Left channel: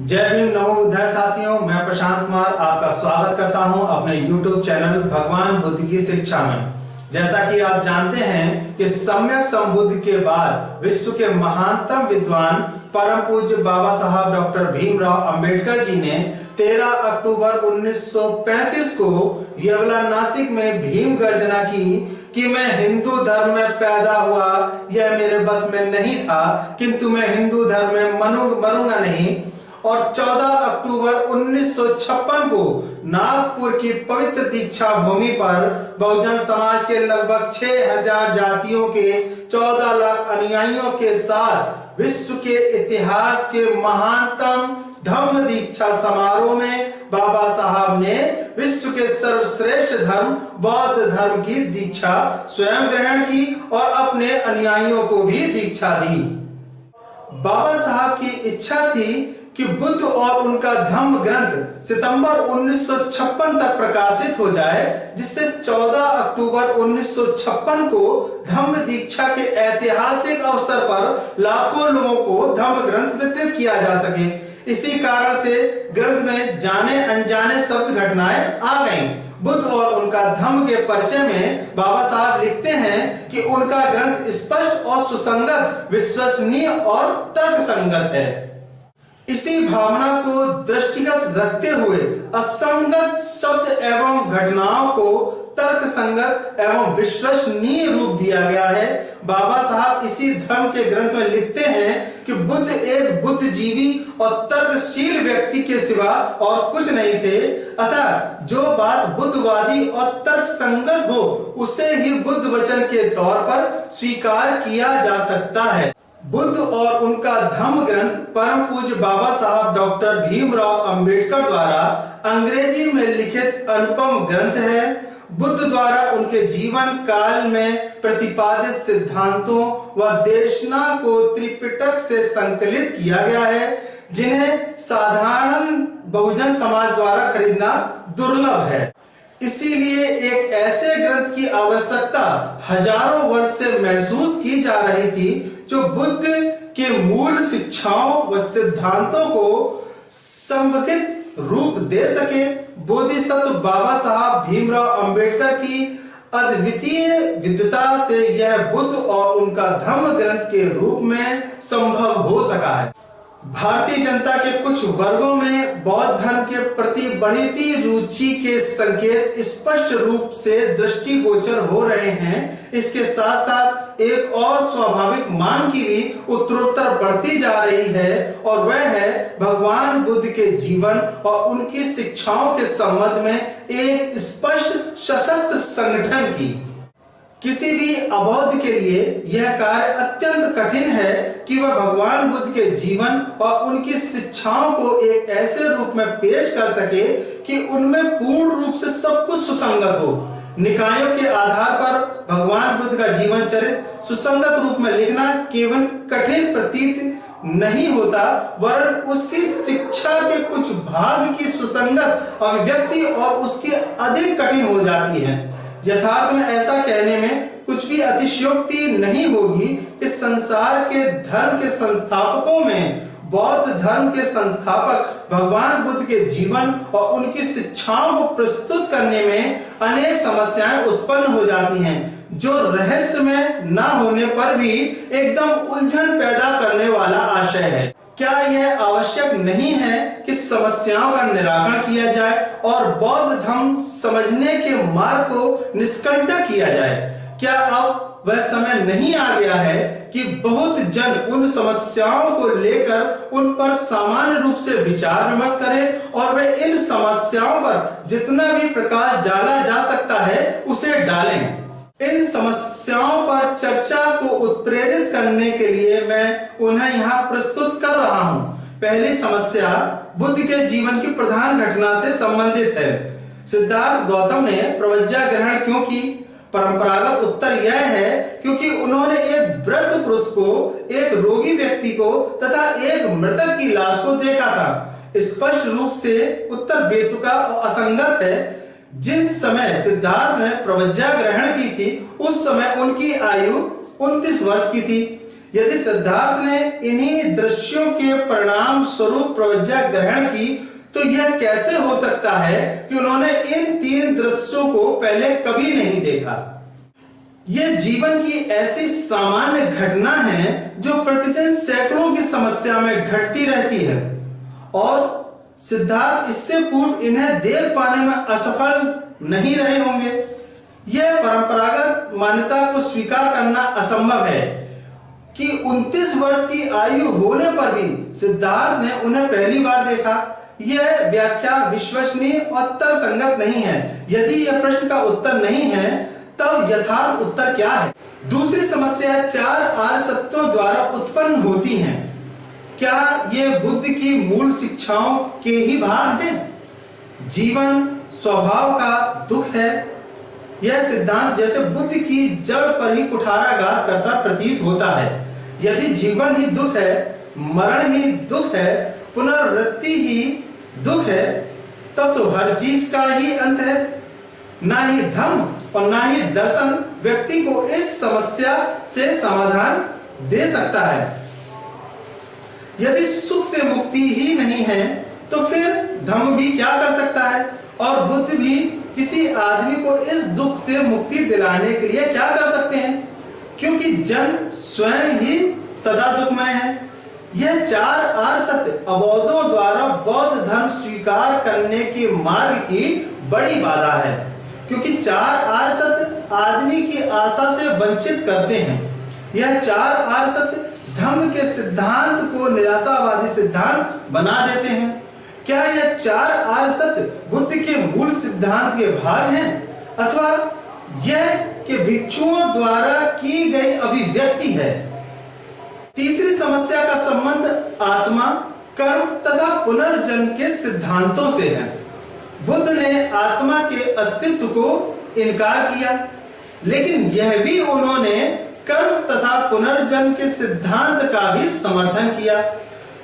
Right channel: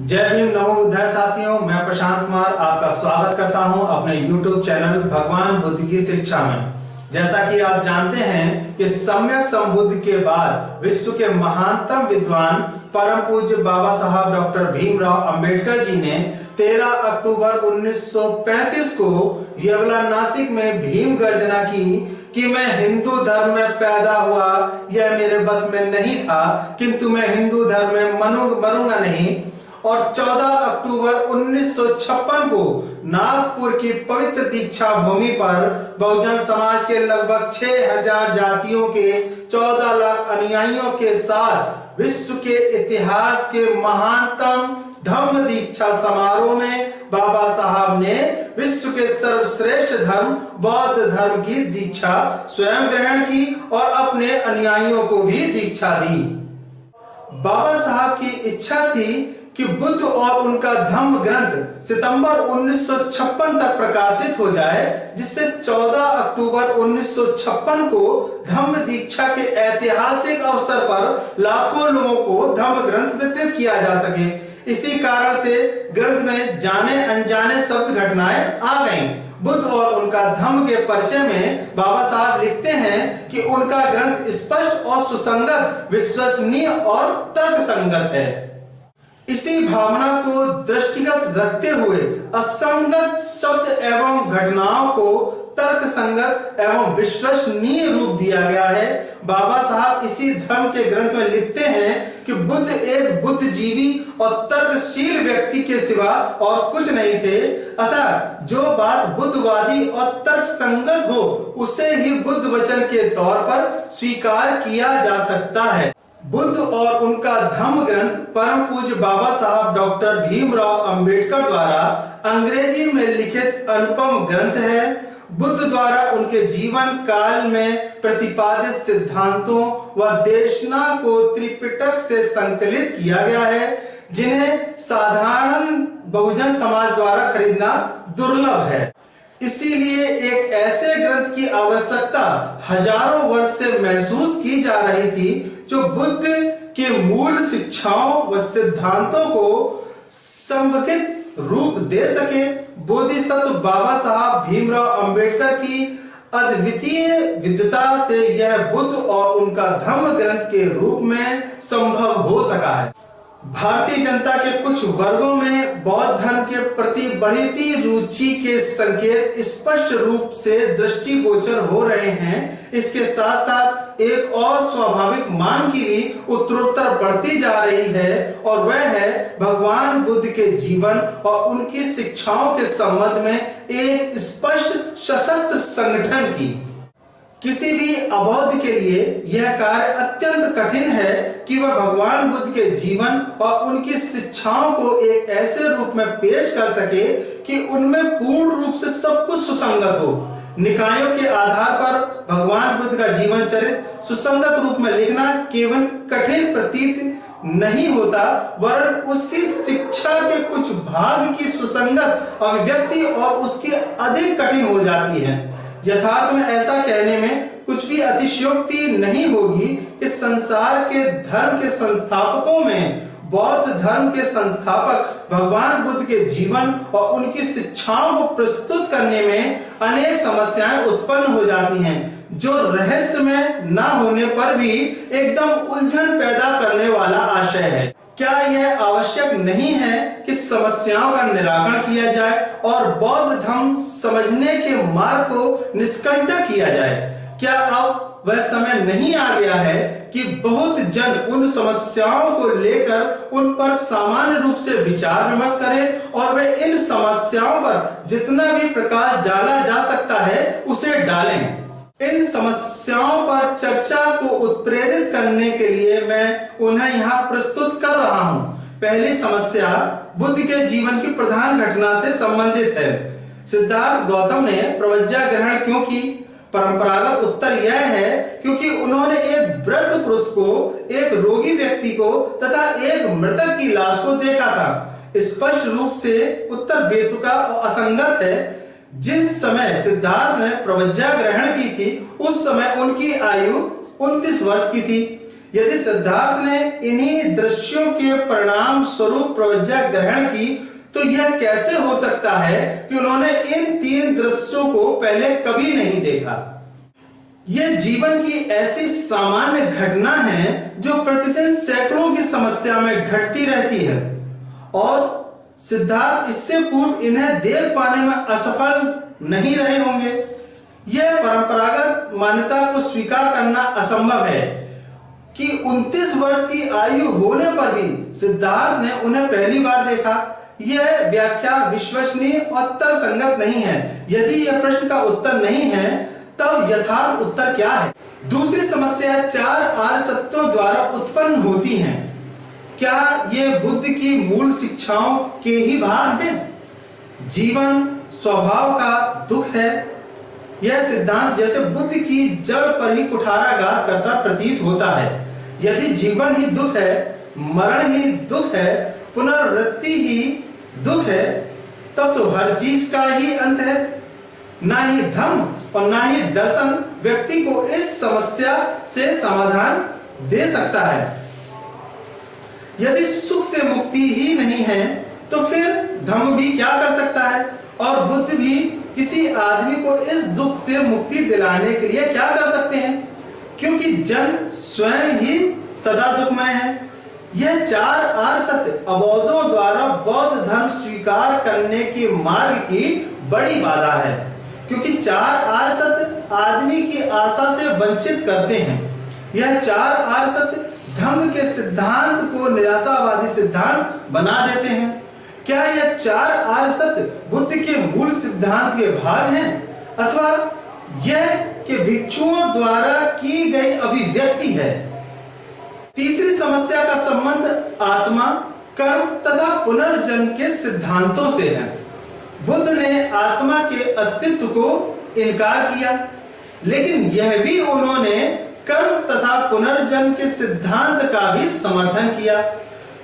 जय भीम, नमो बुद्धाय साथियों। मैं प्रशांत कुमार आपका स्वागत करता हूं अपने YouTube चैनल भगवान बुद्ध की शिक्षा में। जैसा कि आप जानते हैं कि सम्यक संबुद्ध के बाद विश्व के महानतम विद्वान परम पूज्य बाबा साहब डॉक्टर भीमराव अंबेडकर जी ने 13 अक्टूबर 1935 को येवला नासिक में भीम गर्जना की कि मैं हिंदू धर्म में पैदा हुआ, यह मेरे बस में नहीं था, किंतु मैं हिंदू धर्म में मरूंगा नहीं। और 14 अक्टूबर 1956 को नागपुर की पवित्र दीक्षा भूमि पर बहुजन समाज के लगभग 6000 जातियों के 14 लाख अनुयायियों के साथ विश्व के इतिहास के महानतम धम्म दीक्षा समारोह में बाबा साहब ने विश्व के सर्वश्रेष्ठ धर्म बौद्ध धर्म की दीक्षा स्वयं ग्रहण की और अपने अनुयायियों को भी दीक्षा दी। बाबा साहब की इच्छा थी कि बुद्ध और उनका धम्म ग्रंथ सितंबर 1956 तक प्रकाशित हो जाए, जिससे 14 अक्टूबर 1956 को धम्म दीक्षा के ऐतिहासिक अवसर पर लाखों लोगों को धम्म ग्रंथ वितरित किया जा सके। इसी कारण से ग्रंथ में जाने अनजाने शब्द घटनाएं आ गईं। बुद्ध और उनका धम्म के परिचय में बाबा साहब लिखते हैं कि उनका ग्रंथ स्पष्ट और सुसंगत, विश्वसनीय और तर्कसंगत है। इसी भावना को दृष्टिगत रखते हुए असंगत शब्द एवं घटनाओं को तर्क संगत एवं विश्वसनीय रूप दिया गया है। बाबा साहब इसी धर्म के ग्रंथ में लिखते हैं कि बुद्ध एक बुद्धिजीवी और तर्कशील व्यक्ति के सिवा और कुछ नहीं थे, अतः जो बात बुद्धवादी और तर्क संगत हो उसे ही बुद्ध वचन के तौर पर स्वीकार किया जा सकता है। बुद्ध और उनका धम्म ग्रंथ परम पूज्य बाबा साहब डॉक्टर भीमराव अंबेडकर द्वारा अंग्रेजी में लिखित अनुपम ग्रंथ है। बुद्ध द्वारा उनके जीवन काल में प्रतिपादित सिद्धांतों व देशना को त्रिपिटक से संकलित किया गया है, जिन्हें साधारण बहुजन समाज द्वारा खरीदना दुर्लभ है। इसीलिए एक ऐसे ग्रंथ की आवश्यकता हजारों वर्ष से महसूस की जा रही थी जो बुद्ध के मूल शिक्षाओं व सिद्धांतों को संगठित रूप दे सके। बोधिसत्व बाबा साहब भीमराव अंबेडकर की अद्वितीय विद्वता से यह बुद्ध और उनका धम्म ग्रंथ के रूप में संभव हो सका है। भारतीय जनता के कुछ वर्गों में बौद्ध धर्म के प्रति बढ़ती रुचि के संकेत स्पष्ट रूप से दृष्टिगोचर हो रहे हैं। इसके साथ साथ एक और स्वाभाविक मांग की भी उत्तरोत्तर बढ़ती जा रही है, और वह है भगवान बुद्ध के जीवन और उनकी शिक्षाओं के संबंध में एक स्पष्ट सशस्त्र संगठन की। किसी भी अबौद्ध के लिए यह कार्य अत्यंत कठिन है कि वह भगवान बुद्ध के जीवन और उनकी शिक्षाओं को एक ऐसे रूप में पेश कर सके कि उनमें पूर्ण रूप से सब कुछ सुसंगत हो। निकायों के आधार पर भगवान बुद्ध का जीवन चरित्र सुसंगत रूप में लिखना केवल कठिन प्रतीत नहीं होता, वरन उसकी शिक्षा के कुछ भाग की सुसंगत अभिव्यक्ति और उसकी अधिक कठिन हो जाती है। यथार्थ में ऐसा कहने में कुछ भी अतिशयोक्ति नहीं होगी कि संसार के धर्म के संस्थापकों में बौद्ध धर्म के संस्थापक भगवान बुद्ध के जीवन और उनकी शिक्षाओं को प्रस्तुत करने में अनेक समस्याएं उत्पन्न हो जाती हैं, जो रहस्य में न होने पर भी एकदम उलझन पैदा करने वाला आशय है। क्या यह आवश्यक नहीं है कि समस्याओं का निराकरण किया जाए और बौद्ध धर्म समझने के मार्ग को निष्कंटक किया जाए? क्या अब वह समय नहीं आ गया है कि बहुत जन उन समस्याओं को लेकर उन पर सामान्य रूप से विचार विमर्श करें और वे इन समस्याओं पर जितना भी प्रकाश डाला जा सकता है उसे डालें? इन समस्याओं पर चर्चा को उत्प्रेरित करने के लिए मैं उन्हें यहाँ प्रस्तुत कर रहा हूँ। पहली समस्या बुद्ध के जीवन की प्रधान घटना से संबंधित है। सिद्धार्थ गौतम ने प्रवज्ञा ग्रहण क्यों की? परंपरागत उत्तर यह है क्योंकि उन्होंने एक वृद्ध पुरुष को, एक रोगी व्यक्ति को तथा एक मृतक की लाश को देखा था। स्पष्ट रूप से उत्तर बेतुका और असंगत है। जिस समय सिद्धार्थ ने प्रवज्ञा ग्रहण की थी उस समय उनकी आयु 29 वर्ष की थी। यदि सिद्धार्थ ने इन्हीं दृश्यों के परिणाम स्वरूप प्रज्ञा ग्रहण की, तो यह कैसे हो सकता है कि उन्होंने इन 3 दृश्यों को पहले कभी नहीं देखा। यह जीवन की ऐसी सामान्य घटना है जो प्रतिदिन सैकड़ों की समस्या में घटती रहती है, और सिद्धार्थ इससे पूर्व इन्हें देख पाने में असफल नहीं रहे होंगे। यह परंपरागत मान्यता को स्वीकार करना असंभव है कि 29 वर्ष की आयु होने पर भी सिद्धार्थ ने उन्हें पहली बार देखा। यह व्याख्या विश्वसनीय और तर्कसंगत नहीं है। यदि यह प्रश्न का उत्तर नहीं है, तब यथार्थ उत्तर क्या है? दूसरी समस्या 4 आर्य सत्यों द्वारा उत्पन्न होती हैं। क्या ये बुद्ध की मूल शिक्षाओं के ही भाग हैं? जीवन स्वभाव का दुख है। यह सिद्धांत जैसे बुद्ध की जड़ पर ही कुठाराघात करता प्रतीत होता है। यदि जीवन ही दुख है, मरण ही दुख है, पुनरावृत्ति ही दुख है, तब तो हर चीज का ही अंत है। ना ही धर्म और ना ही दर्शन व्यक्ति को इस समस्या से समाधान दे सकता है। यदि सुख से मुक्ति ही नहीं है, तो फिर धर्म भी क्या कर सकता है? और बुद्ध भी किसी आदमी को इस दुख से मुक्ति दिलाने के लिए क्या कर सकते हैं? क्योंकि जन स्वयं ही सदा दुखमय है। यह 4 आर्य सत्य अबोधों द्वारा बौद्ध धर्म स्वीकार करने के मार्ग की बड़ी बाधा है, क्योंकि 4 आर्य सत्य आदमी की आशा से वंचित करते हैं। यह 4 आर्य सत्य धर्म के सिद्धांत को निराशावादी सिद्धांत बना देते हैं। क्या यह 4 आर्य सत्य बुद्ध के मूल सिद्धांत के भाग हैं, अथवा यह कि भिक्षुओं द्वारा की गई अभिव्यक्ति है? तीसरी समस्या का संबंध आत्मा, कर्म तथा पुनर्जन्म के सिद्धांतों से है। बुद्ध ने आत्मा के अस्तित्व को इनकार किया, लेकिन यह भी उन्होंने कर्म तथा पुनर्जन्म के सिद्धांत का भी समर्थन किया।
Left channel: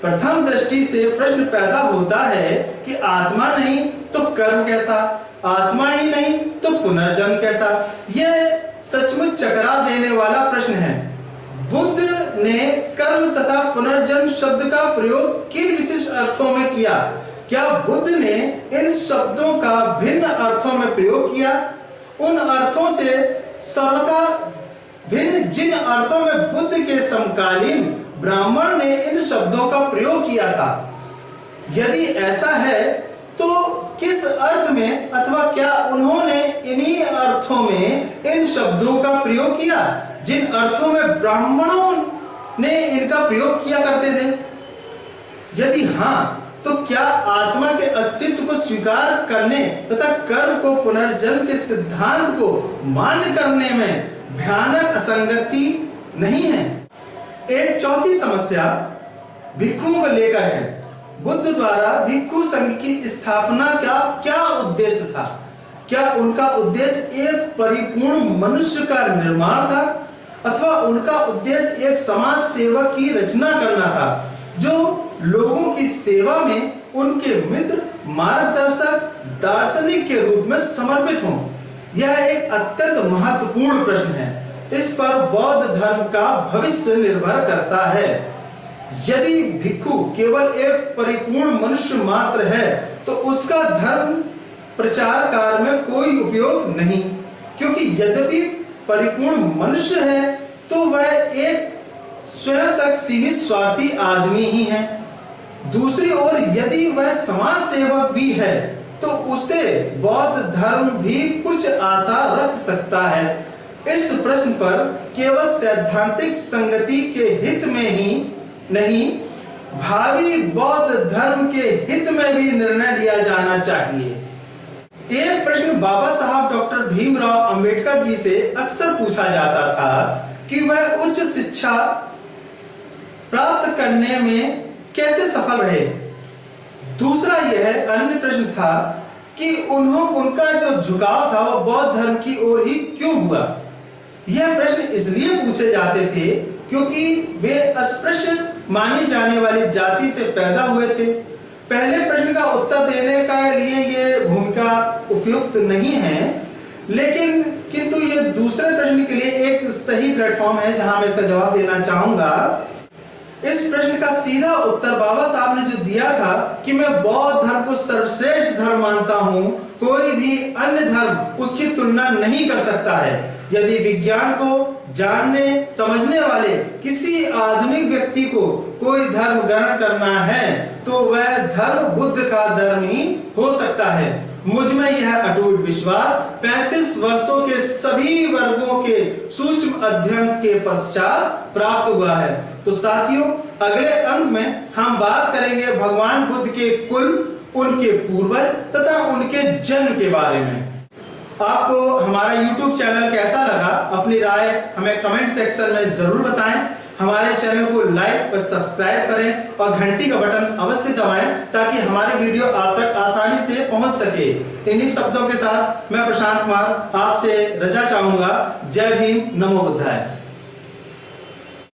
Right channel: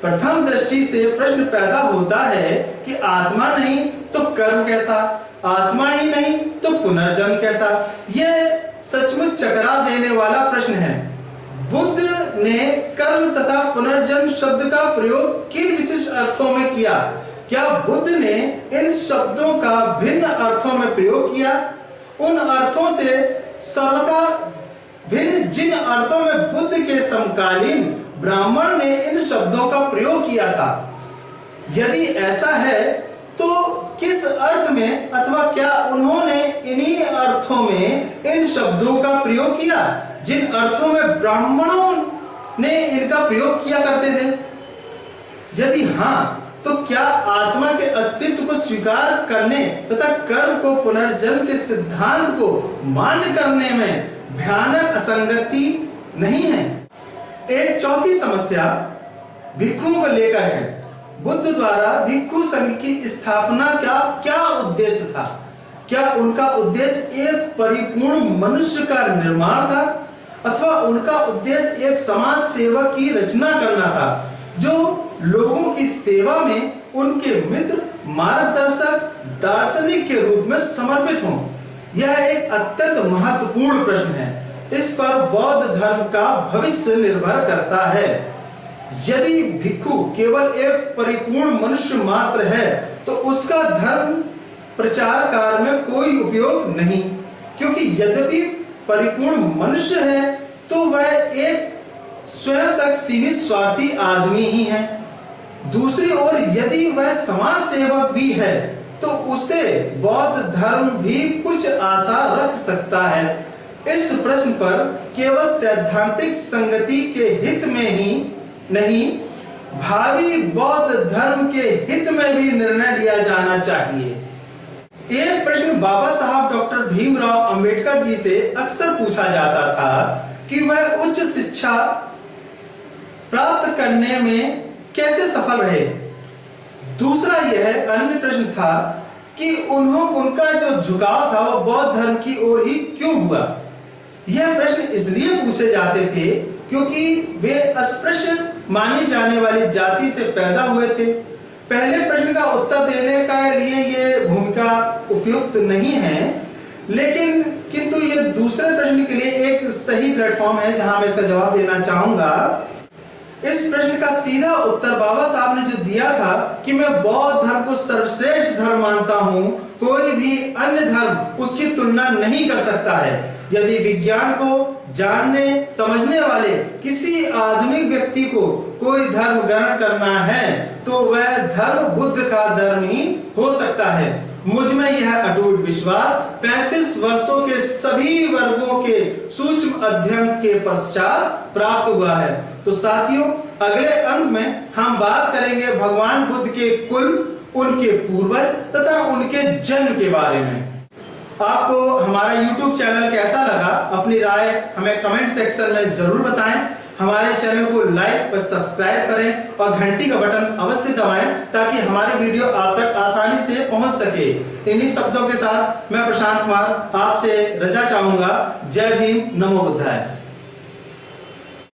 प्रथम दृष्टि से प्रश्न पैदा होता है कि आत्मा नहीं तो कर्म कैसा, आत्मा ही नहीं तो पुनर्जन्म कैसा? यह सचमुच चकरा देने वाला प्रश्न है। बुद्ध ने कर्म तथा पुनर्जन्म शब्द का प्रयोग किन विशेष अर्थों में किया? क्या बुद्ध ने इन शब्दों का भिन्न अर्थों में प्रयोग किया? उन अर्थों से सर्वथा भिन्न जिन अर्थों में बुद्ध के समकालीन ब्राह्मण ने इन शब्दों का प्रयोग किया था, यदि ऐसा है तो किस अर्थ में, अथवा क्या उन्होंने इन्हीं अर्थों में इन शब्दों का प्रयोग किया जिन अर्थों में ब्राह्मणों ने इनका प्रयोग किया करते थे? यदि हाँ, तो क्या आत्मा के अस्तित्व को स्वीकार करने तथा कर्म को पुनर्जन्म के सिद्धांत को मान्य करने में भयानक असंगति नहीं है? एक चौथी समस्या भिक्षुओं को लेकर है। बुद्ध द्वारा भिक्षु संघ की स्थापना का क्या उद्देश्य था? क्या उनका उद्देश्य एक परिपूर्ण मनुष्य का निर्माण था, अथवा उनका उद्देश्य एक समाज सेवक की रचना करना था जो लोगों की सेवा में उनके मित्र, मार्गदर्शक, दार्शनिक के रूप में समर्पित हों? यह एक अत्यंत महत्वपूर्ण प्रश्न है। इस पर बौद्ध धर्म का भविष्य निर्भर करता है। यदि भिक्षु केवल एक परिपूर्ण मनुष्य मात्र है, तो उसका धर्म प्रचार कार्य में कोई उपयोग नहीं, क्योंकि यद्यपि परिपूर्ण मनुष्य है तो वह एक स्वयं तक सीमित स्वार्थी आदमी ही है। दूसरी ओर यदि वह समाज सेवक भी है, तो उसे बौद्ध धर्म भी कुछ आशा रख सकता है। इस प्रश्न पर केवल सैद्धांतिक संगति के हित में ही नहीं, भावी बौद्ध धर्म के हित में भी निर्णय लिया जाना चाहिए। एक प्रश्न बाबा साहब डॉक्टर भीमराव अंबेडकर जी से अक्सर पूछा जाता था कि वह उच्च शिक्षा प्राप्त करने में कैसे सफल रहे। दूसरा यह अन्य प्रश्न था कि उनका जो झुकाव था वो बौद्ध धर्म की ओर ही क्यों हुआ। यह प्रश्न इसलिए पूछे जाते थे क्योंकि वे अस्पृश्य मानी जाने वाली जाति से पैदा हुए थे। पहले प्रश्न का उत्तर देने के लिए ये भूमिका उपयुक्त नहीं है, लेकिन किंतु ये दूसरे प्रश्न के लिए एक सही प्लेटफॉर्म है जहां मैं इसका जवाब देना चाहूंगा। इस प्रश्न का सीधा उत्तर बाबा साहब ने जो दिया था कि मैं बौद्ध धर्म को सर्वश्रेष्ठ धर्म मानता हूं, कोई भी अन्य धर्म उसकी तुलना नहीं कर सकता है। यदि विज्ञान को जानने समझने वाले किसी आधुनिक व्यक्ति को कोई धर्म ग्रहण करना है तो वह धर्म बुद्ध का धर्म ही हो सकता है। मुझ में यह अटूट विश्वास 35 वर्षों के सभी वर्गों के सूक्ष्म अध्ययन के पश्चात प्राप्त हुआ है। तो साथियों, अगले अंक में हम बात करेंगे भगवान बुद्ध के कुल, उनके पूर्वज तथा उनके जन्म के बारे में। आपको हमारा YouTube चैनल कैसा लगा, अपनी राय हमें कमेंट सेक्शन में जरूर बताएं। हमारे चैनल को लाइक और सब्सक्राइब करें और घंटी का बटन अवश्य दबाएं ताकि हमारे वीडियो आप तक आसानी से पहुंच सके। इन्हीं शब्दों के साथ मैं प्रशांत कुमार आपसे रजा चाहूंगा। जय भीम, नमो बुद्धाय।